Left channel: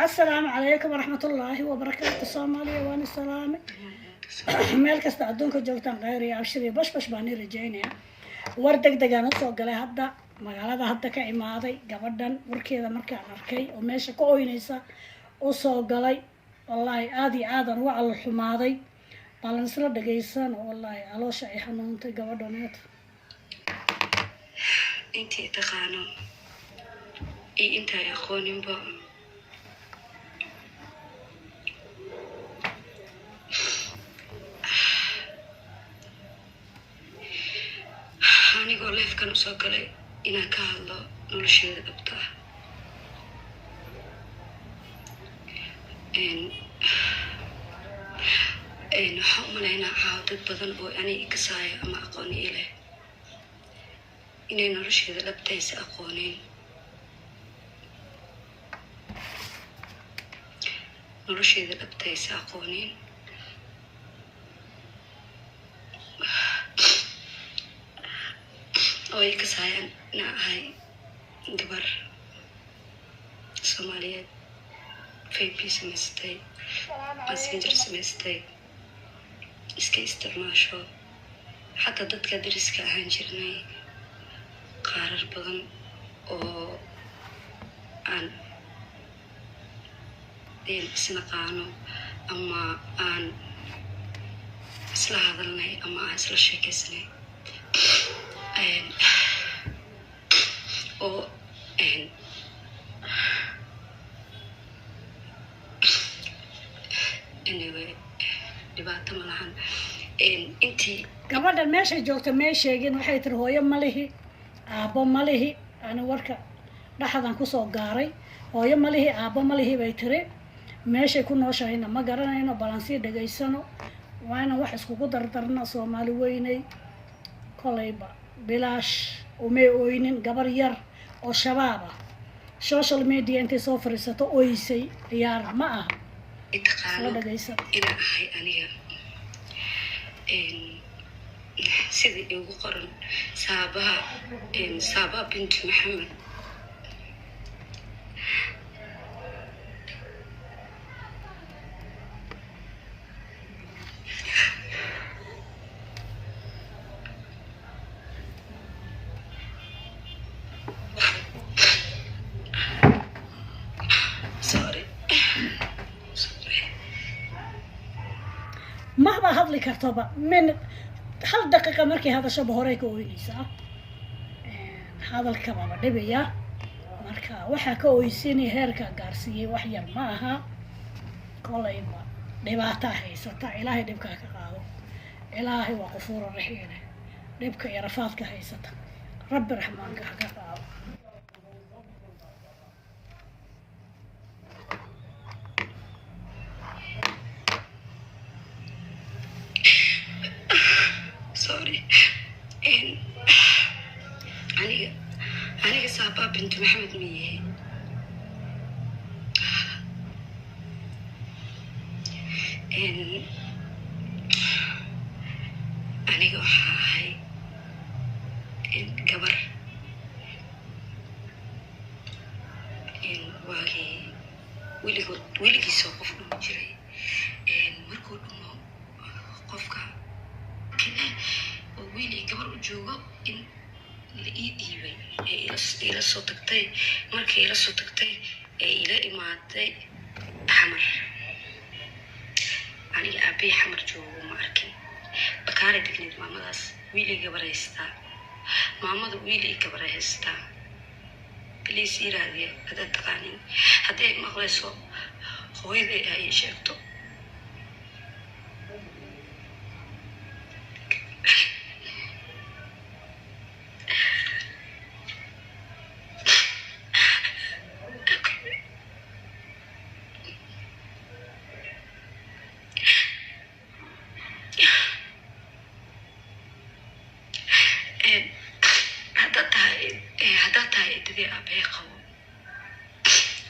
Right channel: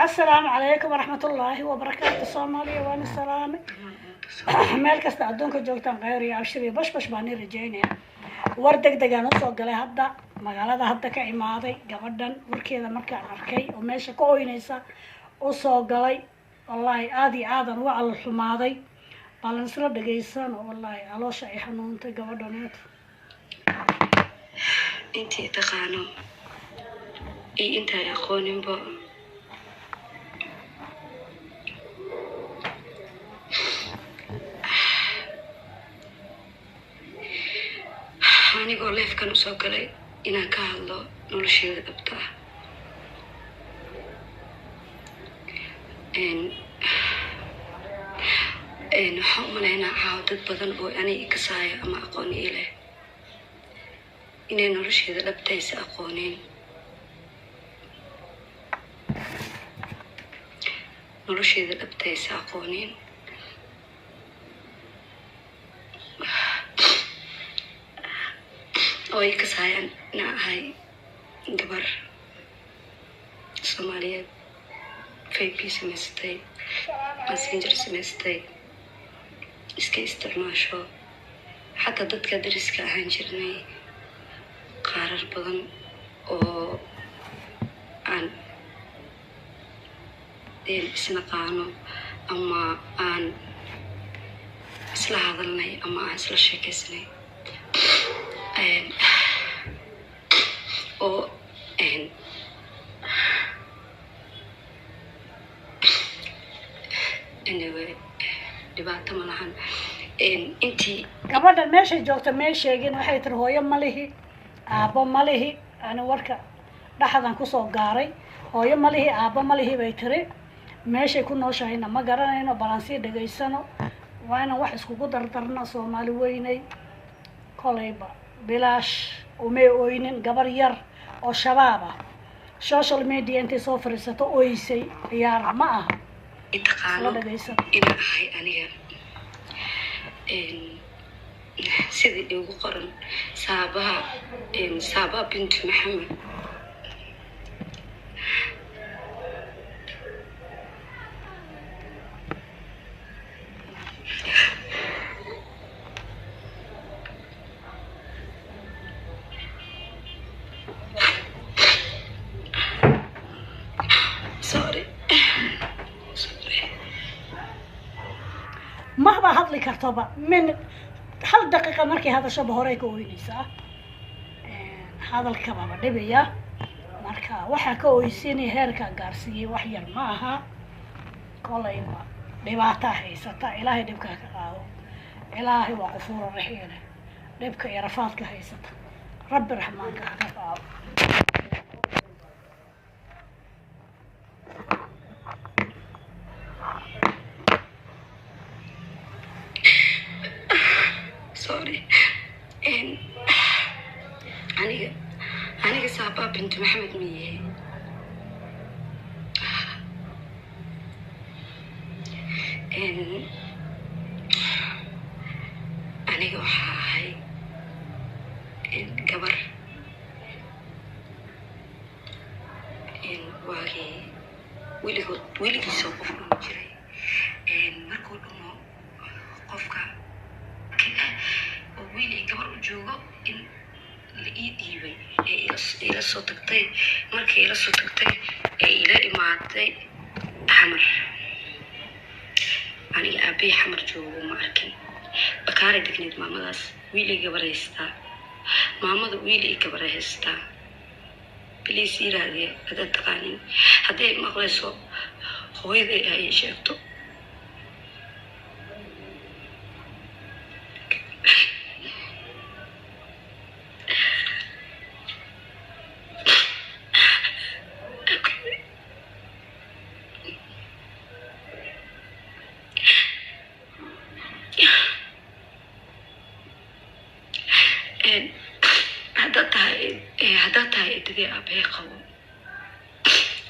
السلام عليكم ورحمة الله وبركاته. الصومالية وأنا سلامي meel kasta adduunka joogtaan khayr iyo abshir iyo bash baan rajaynayaa. war degdeg aan usoo galay hadda magaalada hadda ka imaaday gabadhan warkeeda markaan arkay oo meesha ka oynaysa usoo galay wallaahi aad iyo aad aan uga calool xumaaday balan isla dhagaysan oo wallaahi caloosha ay xanuuntay gabadhaneed intii taqaano iyo intaa aqooninba anigoo leefkan usoo galay inaan ka hadlo nolosheeda dhabta ah. waxaan u malaynaa caawa dad badan oo aniga kasaaya ama aqoon ii leh inay nolosheeda dhabtaysa aqooneen. nolosheeda dhabtaysa aqooneen oo ay kasaayaan inaan ahay gabar Soomaaliyeed faybi samaystay messenger samaystay iska isticmaasho xataa dadka dariska ahaan jirnay qaarar badan oo aan isnaqaano ama aan isla hadalnay ama aan isla sheekaysanay oo anyway dhibaato ma lahan. intii gabadhan meeshay joogta may sheegin waxay tiri hooyo ma lihi aabbo ma lihi ani warka dhaxdan kusoo gaaray hooyo ma lihi aabbo ma lihi bay tiri meeshay ku nooshahayna ma garanayno balan sii dhagaysano waa inaan wax iskugu dardarna Soomaali weynay kolayba bilaash umay oynin gabar yar oo shabaab ah social media intay soo fariisato oysay ciyaar ma aha taqaano inaan ahay aniga sidii igu qoran saaba bint maxamed ما هذا اللي كرتبة من هل دقيقة مركي هذا شبه هوريك وينيسا هذا الكبابة دبيا مركا وحا كويسيني هيركا غارسيي وحير معها كوليبا دباتا هيستا إلهي دبكا كقاو إلهي وغفور الرحيم دبكا يرفاتك هيستا رب الرحمن كقاو sorry aniga saaba bint maxamed miye aniga waxaa ahay gabar waagii weligiisoo qof dhumi jiray markuu dhumo qofka oo wiil ay gabar u joogo in la ii dhiibay ila soo tagtay markii ila soo tagtay ee ila imaaday xamar aniga aabay xamar joogo ma arkin bakaaray degneed maamadaas wiil ay gabar haystaa maamada wiil ay gabar haystaa biliis yiraahday haddaad taqaanin hadday maqlayso hooyaday ay sheegto haddaad tahay idadii aabbahay qabo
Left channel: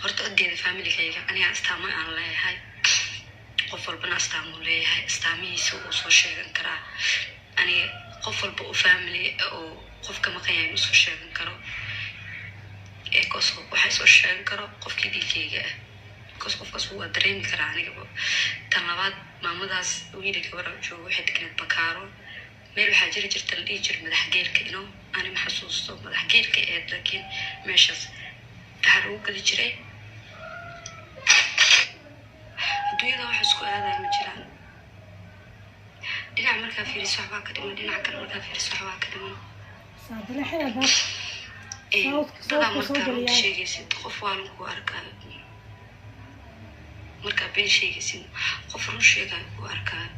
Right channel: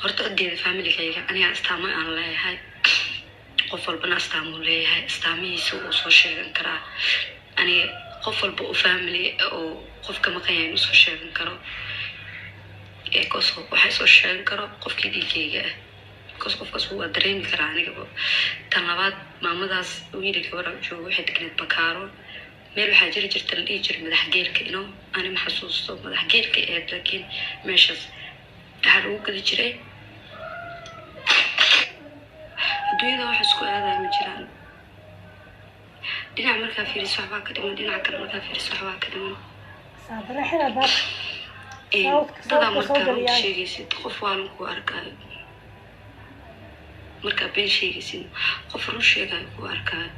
horta odeeda familigayga aniga astaamo aan leeyahay qof walbana astaamuu leeyahay astaamihiisa uu soo sheegan karaa aniga qof walba u family oo qofka maqan yahay inuu soo sheegan karo ee koso waxay soo sheegan karo qofkii dhiigayga ah qofkaas waa dareemi karaa aniga tan labaad maamadaas wiilka gabadha joogo waxay deganeed bakaaro meel waxaa jiri jirta la dhihi jiray madax geelka ino ani ma xasuusto madax geelka eed laakiin meeshaas waxaa lagu geli jiray adduunyada wax isku aadaya ma jiraan dhinac markaa fiiriso waxbaa ka dhiman dhinac kale markaa fiiriso waxbaa ka dhiman dadaa markaa run sheegaysid qof waalan ku arkaayo markaa been sheegaysid qof run sheegaayo ku arkaayo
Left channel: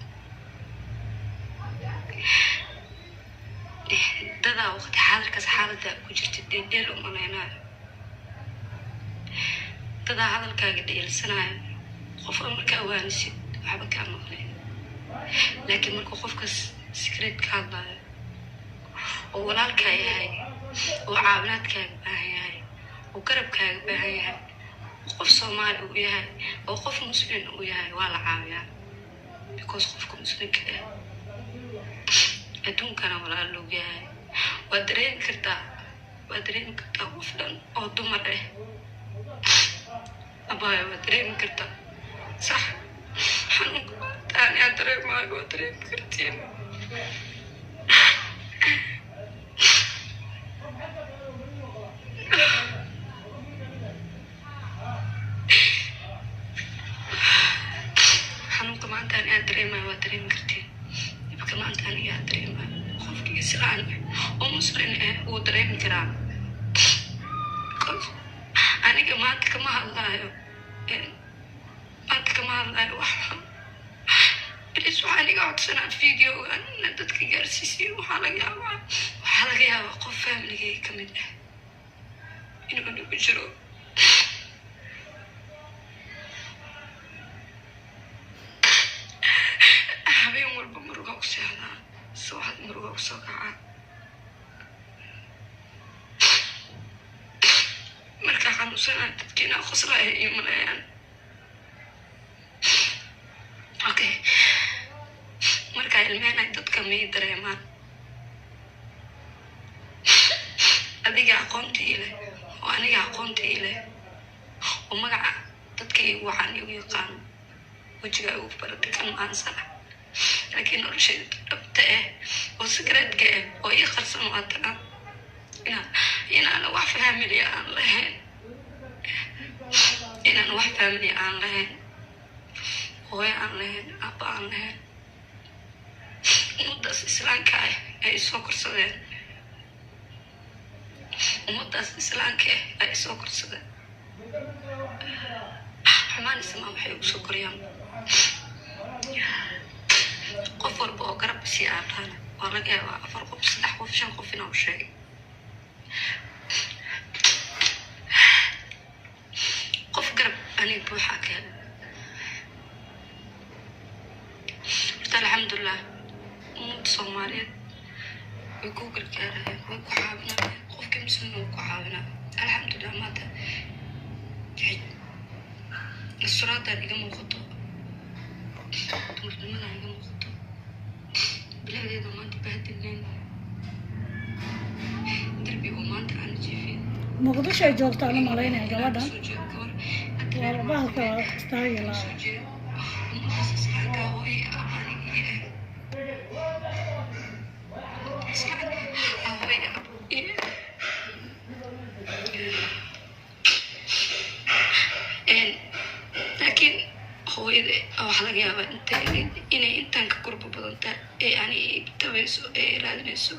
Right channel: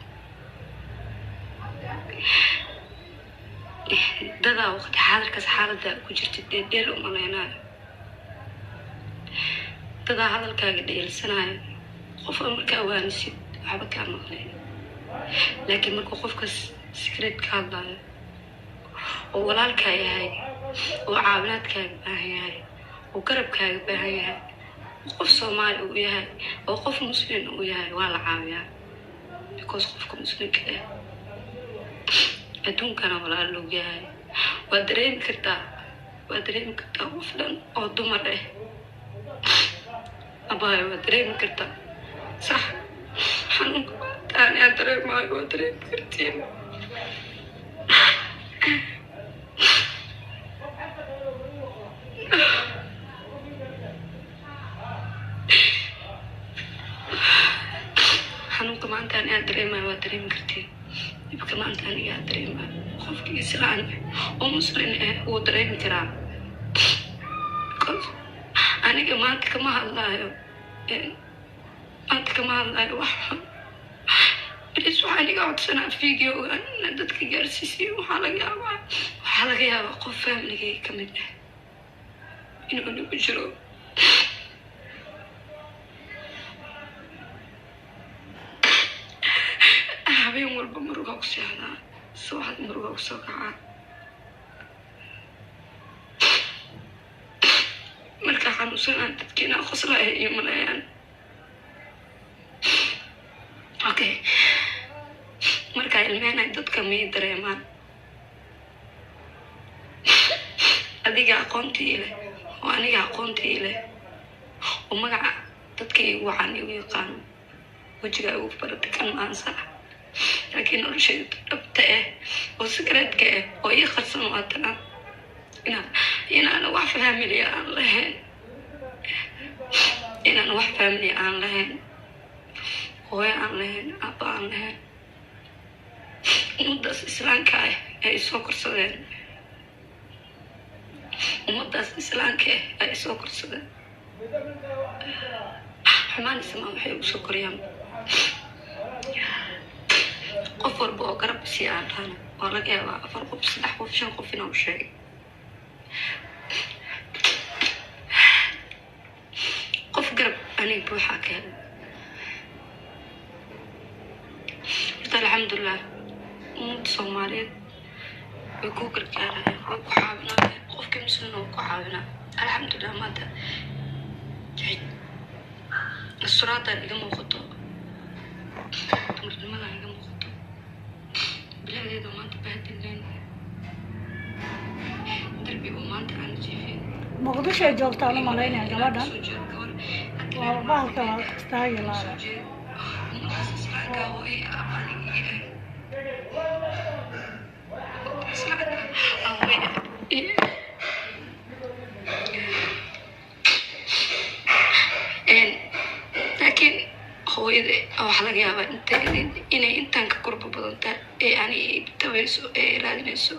dadaa waqti xaadirkaas xaalada ku jirtid dheerdheer u malaynaayo dadaa hadalkaaga dheelsanaayo qofka markaa waanisid waxba kaa maqleen laakiin markuu qofkaas secret ka hadlaayo oo walaalkaa yahay oo caawinaadkaaga baahan yahay oo garabkaaga baahan yahay oo qof soomaali uu yahay oo qof muslim uu yahay waa la caawiyaa because qofka muslimka ah adduunkana walaal loo yahay waa dareemi kartaa qof dhan oo dumar ah abaayo waa dareemi kartaa صح حنون تاني أدري ما أدري كرتين حنون كمان تاني أدري ما أدري كرتين يبقى كمان تاني أدري ما خوف يسرعن ومسرن ودري كرام أنا كمان الله أنت كمان لا واحد بليس وحالي قاعد سنة فيديو أنا دتك جالسيسي وحلقة يا وقف فاملي كمل إنه بجرو أبي أمور بمرقة وسهلة سواحد مرقة وسقعة مركا عنو سنة تبكينا خسرة هي ملايان okay marka ilmeenay dadka may dareemaan adiga aqoontii leh oo aniga aqoontii leh oo magaca dadka igu waxaan igu yaqaan wajiga ugu barata kan maansa laakiin noloshayda dhabta ah oo secretka ah oo ii qarsan waatana inaan wax family aan lahayn hooyo aan lahayn abba aan lahayn ummadaas islaamka ah ay soo korsadeen xumaan ismaa waxay ugu soo koriyaan qof walba oo garab isii aan dhahana waa laga yaabaa 4 qof 3 qof 5 qof inuu sheegay qof garab aniga buuxaa ka helay الحمد لله مود صوماليات ويكوكل كاره ويكوحابنا خوف كم سنة ويكوحابنا الحمد لله ماذا جيد الصراط اللي موقته تمر الملا اللي موقته بلادي ده ما تبهدلين دربي وما أنت عن جيفين مقدش يجوبت أنا مالين يا جلادة والله كلا استاهل هذا لكن hooyada waxa laga yaabaa inay intaan ka korba badantaa yani tabayso ilaalinayso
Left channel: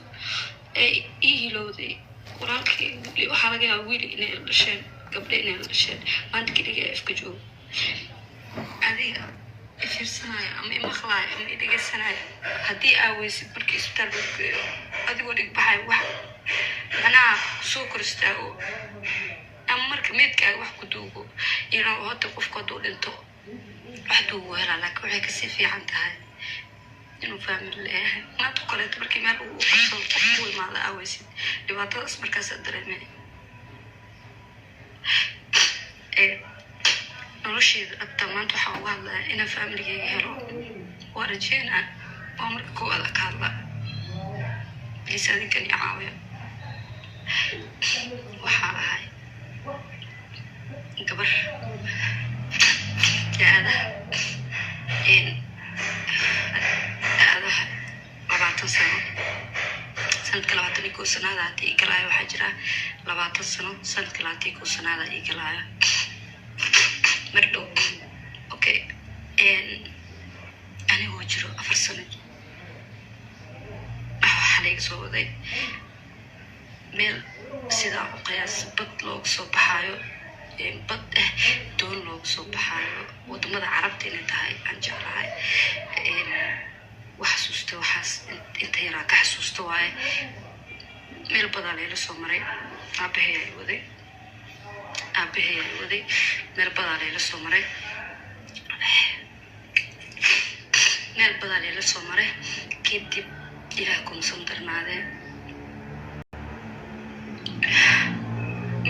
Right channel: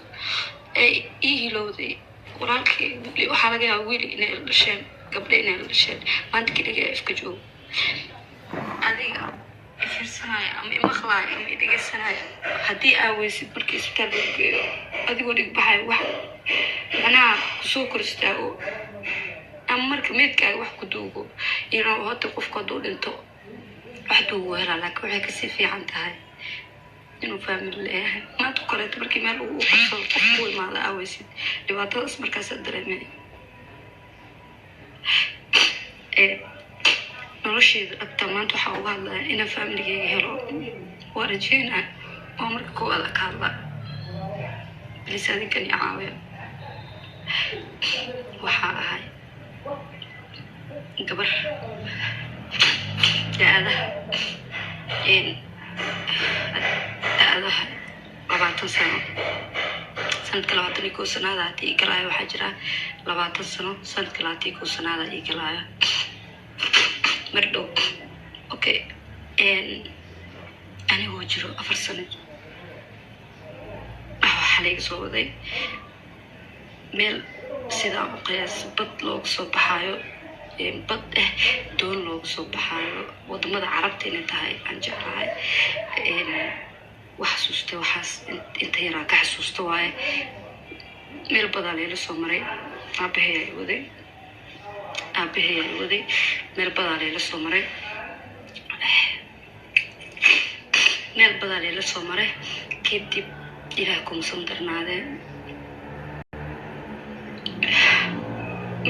ii hilowday walaalkay waxaa laga yaabaa wiil inay la dhasheen gabdhe inay la dhasheen maanta keliga ifka joogo adiga fiirsanaya ama imaqlaaya ama idhegeysanaya haddii aaweysid markii isbitaal lagu geeyo adigoo dhigbaxay wax macnaha kusoo kor istaago ama marka meedkaaga wax ku duugo inuu hadda qofku hadduu dhinto wax duugo helaa laakiin waxay kasii fiican tahay inuu faamil leeyahay maanta koleeto markii meel ugu qabsado qof ku imaada aaweysid dhibaatadaas markaasaa dareemay nolosheeda dhabta maanta waxaa uga hadlaya inaan faamiligeyga helo waa rajeynaa waa marka koowaada ka hadla bilis adinkan iyo caawiya waxaa ahay gabar da-adaha da-adaha 20 sano sanadka 21 sanaada haddii i galaayo waxaa jira 20 sano sanadka 21 sanaada i galaayo mar dhow. Okay, anigoo jiro 4 sano waxaa layga soo waday meel sidaa u qiyaas bad loogu soo baxaayo, bad doon loogu soo baxaayo wadamada carabta inay tahay aan jeclahay. wax xasuusta waxaas inta yaraa ka xasuusta waaye. meel badaa layla soo maray, aabahay ay waday meel badaa layla soo maray, meel badaa layla soo maray. kadib ilaah kumsan darnaadee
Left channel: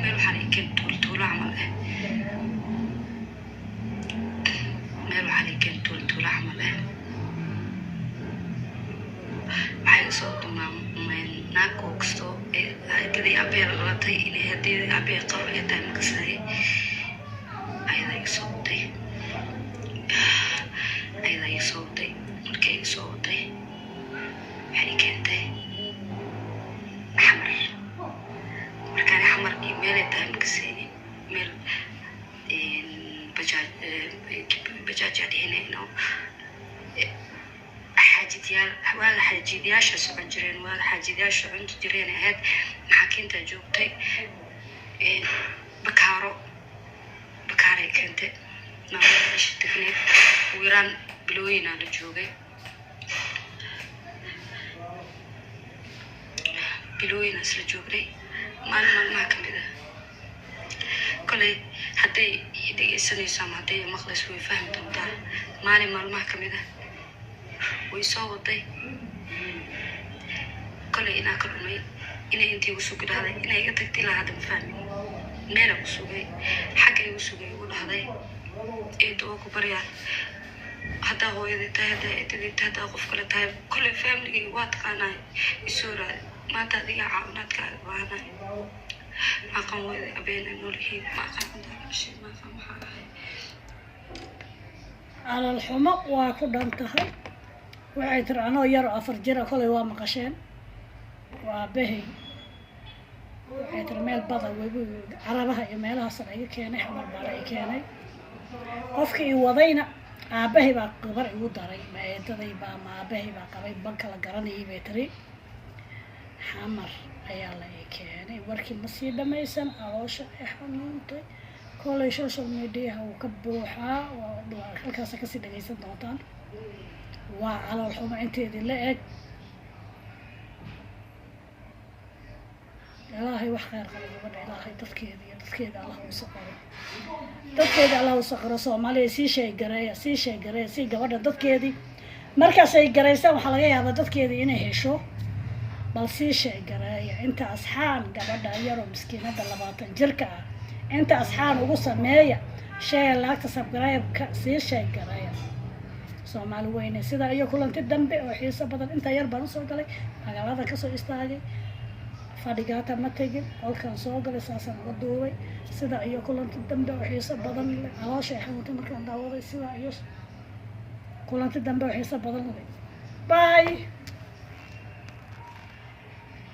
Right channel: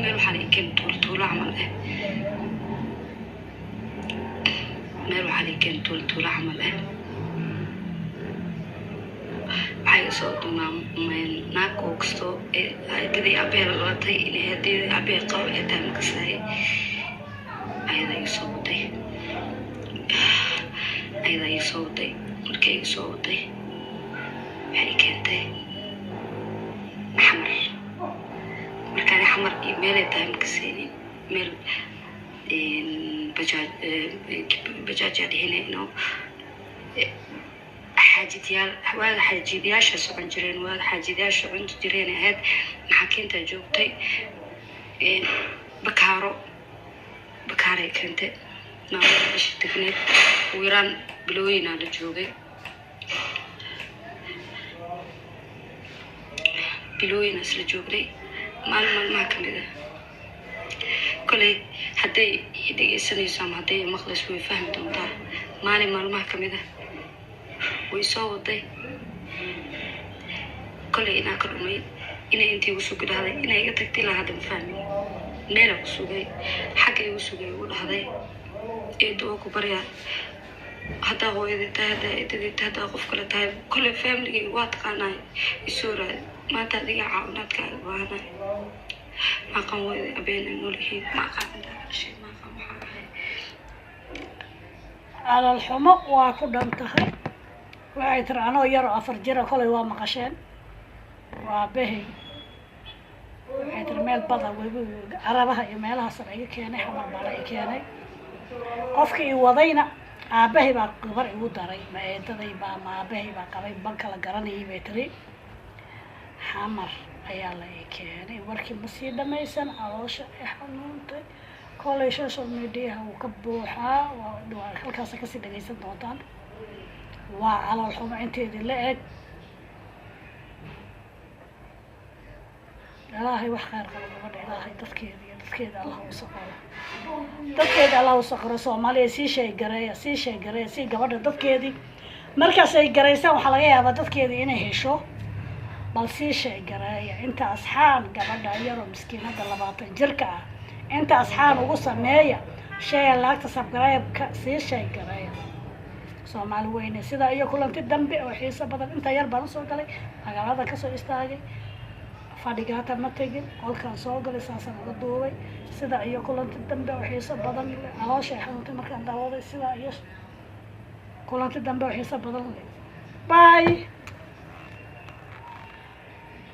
meel waxaa laykeen tuultuulo camal meel waxaa laykeen tuultuulo camal waxay soo dumaan naag oo kastoo hadii aabee lalatay inay hadii aabee qabo ee tahay makasaaye ayadaa iga soo waday markay iga soo waday waxay keentay xamar. markaan xamar iyo meelay tahay makasaynin, meel bajaajaa dhihinayno waaga xaajidayaasha socon jireen, waaga xaajidayaasha cunto jireen ahayd. maxaakiintaa joogtay bakaaray keentay maamada isha degneed ugu yaraan bilooyinaa la joogay, bilooyinaas la joognay. maalmaha kamid ah koley hadday dhegeysanayso ama hadday maqlayso way fahmi doontaa. maalmaha kamid ah way soo waday koley inaa ka dhumay, inay intii igu sugi dhahday, inay iga tagtay ilaa hadda ma fahmin. meela ku sugay, xagga igu sugay igu dhahday eedo oo ku baryaa haddaa hooyadii tahay, haddaa eedadii tahay, haddaa qof kale tahay koley familigay waa taqaanaay isoo raadi. maanta adiga caawinaadkaaga baahanaay. maaqan weyda abeena noolyihiin, maaqan intaa dhashay, maaqan maxaa ahay. calal xumo waa ku dhan tahay. waxay tiri anoo yaroo 4 jira kolay waa maqasheen, waa behay. waxay tiri meel bada webi carabaha iyo meelahaasan iga keenay, xamar baa la i keenay. qofkii i wadayna aabahay baa gabar igu daray, ma eedaday baa ma aabahay baa qabay, banka la garanayay bay tiri. xamar ayaa la i keenay. warkii ma sii dhamaysan, caloosha ay xanuuntay. kolay social mediaha wuu ka buuxaa, halkaasa kasii dhagaysan doontaan. waa calool xumo inteedii la eg. ilaahay wax khayr qabo gabadha, ilaahay dadkeeda allah u saqaro, dadkeeda allah u saqaro. soomaaliya sii sheegareeya sii gabadha dadkeedii markaas ay garaysaan waxaa laga yaabaa dadkeedii inay hesho, bal sii sheegareeya. inta asxaan gabadha yaroo miskiinada 20 jirka ah, inta asxaan ugu sameeya sheega laagta sabgaraybka sii sheegareeya. soomaali weyne sidaa iyo kulanti dambe oo xiiso badan. inta yar baan usoo galay, magaalada kasoo istaagay, fadhigaata ma tegin, qolkaan soo galay, saasaan uga duubay. sidaa iyo kulanti dambe oo xiiso badan leh. caloosha ay xanuuntay markaan daawaday. sidaa iyo kulanti dambe oo xiiso badan leh. bye.